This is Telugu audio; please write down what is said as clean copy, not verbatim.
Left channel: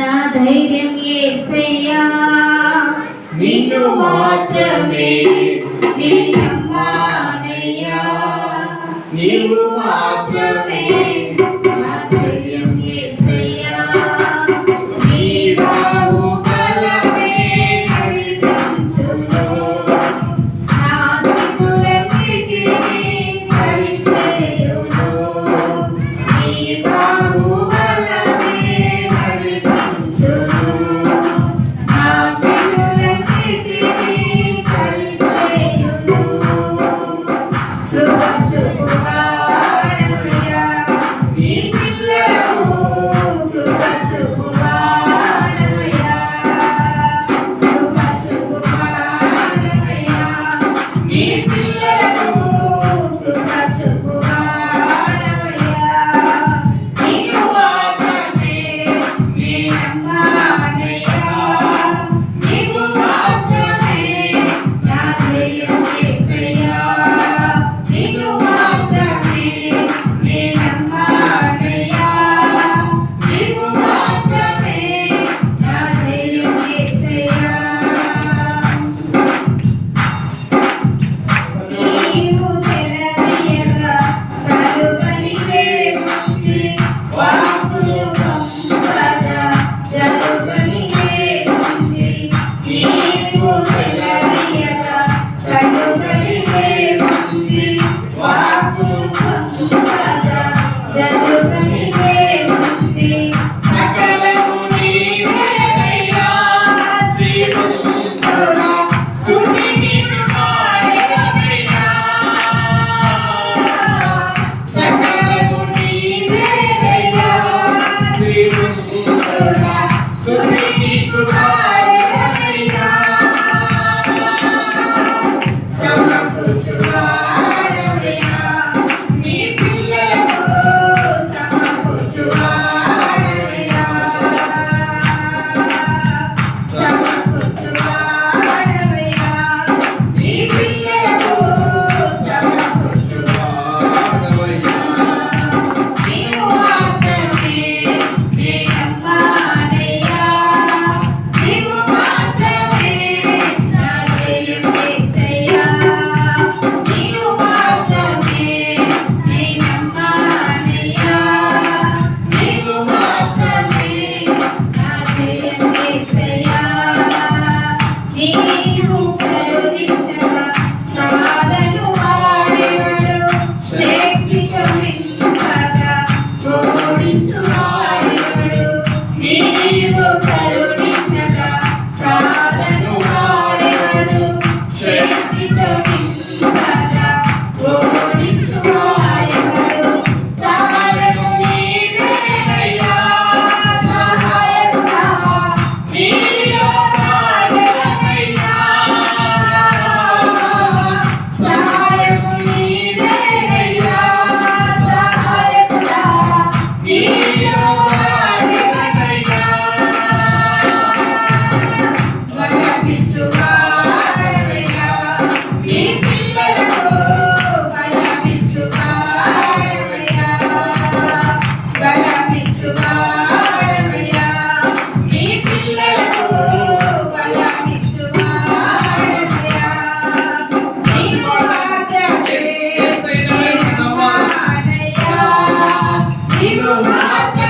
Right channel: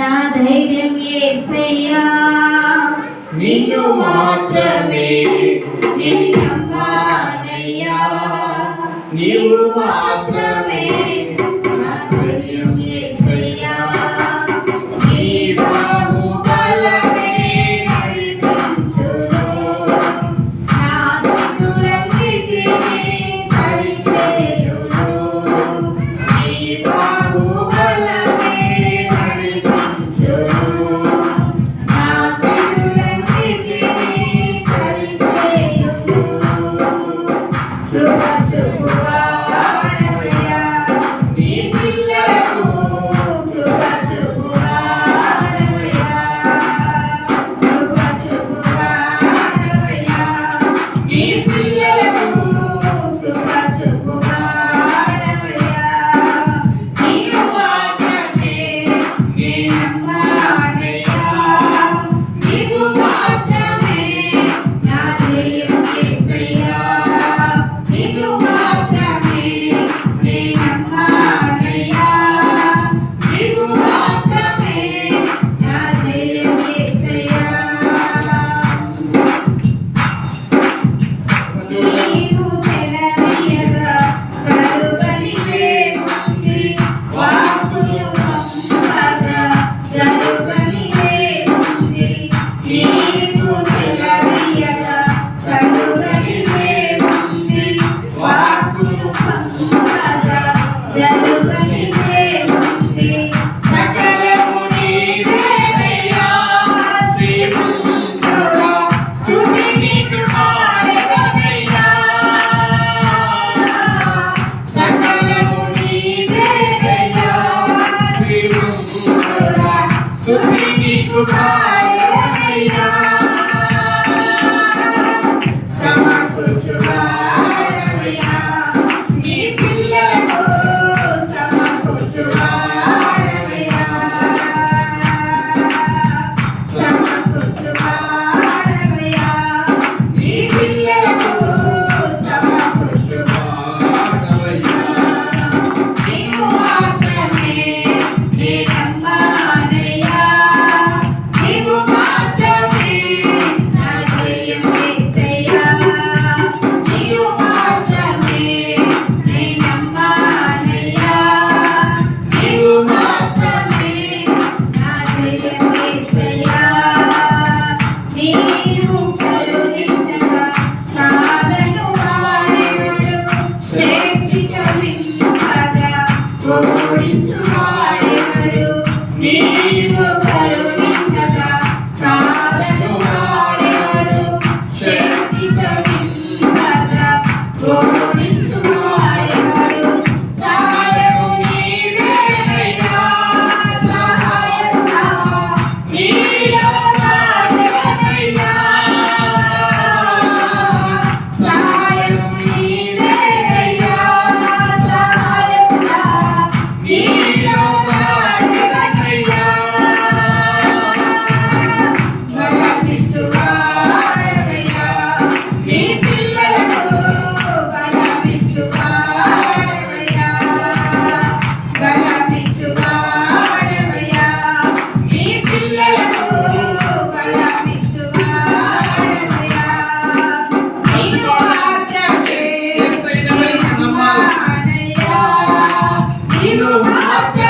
నా ధైర్యం యేసయ్యా నిన్ను మాత్రమే నమ్మానయ్యా నీవు మాత్రమే నా ధైర్యం యేసయ్యా నీ బాహుబలమే నడిపించును నా స్థితులన్నిటినీ సరిచేయును నీ బాహుబలమే నడిపించును నా స్థితులన్నిటినీ సరిచేయును కృప చూపువాడవయ్యా నీ పిల్లకు కృప చూపువాడవయ్యా కృప చూపువాడవయ్యా నీ పిల్లకు కృప చూపువాడవయ్యా నిన్ను మాత్రమే నమ్మానయ్యా నీవు మాత్రమే నా ధైర్యం యేసయ్యా నిన్ను మాత్రమే నమ్మానయ్యా నీవు మాత్రమే నా ధైర్యం యేసయ్యా నీవు సెలవీయగా కలుగనిదేముంది వాక్కులు పంపగా జరుగనిదేముంది నీవు సెలవీయగా కలుగనిదేముంది వాక్కులు పంపగా జరుగనిదేముంది సకలము నీవేనయ్యా శ్రీమంతుడా స్తుతి నీకు పాడెదనయ్యా సకలము నీవేనయ్యా శ్రీమంతుడా స్తుతి నీకు పాడెదనయ్యా సమకూర్చువాడవయ్యా నీ పిల్లకు సమకూర్చువాడవయ్యా సమకూర్చువాడవయ్యా నీ పిల్లకు సమకూర్చువాడవయ్యా నీవు మాత్రమే నమ్మానయ్యా నీవు మాత్రమే నా ధైర్యం యేసయ్యా నీవు మాత్రమే నమ్మానయ్యా నీవు మాత్రమే నా ధైర్యం యేసయ్యా నీవు కరుణించగా సాధను వాడెవడు శక్తి కవింపగా ఓడించువాడెవడు నీవు కరుణించగా సాధను వాడెవడు శక్తి కవింపగా ఓడించువాడెవడు సహాయము నీవేనయ్యా సహాయముగా నీలో రాగలనయ్యా సహాయము నీవేనయ్యా సహాయముగా నీలో రాగలనయ్యా బలపించువాడవయ్యా నీ పిల్లకు బలపించువాడవయ్యా బలపించువాడవయ్యా నీ పిల్లకు బలపించువాడవయ్యా నీవు మాత్రమే నమ్మానయ్యా నీవు మాత్రమే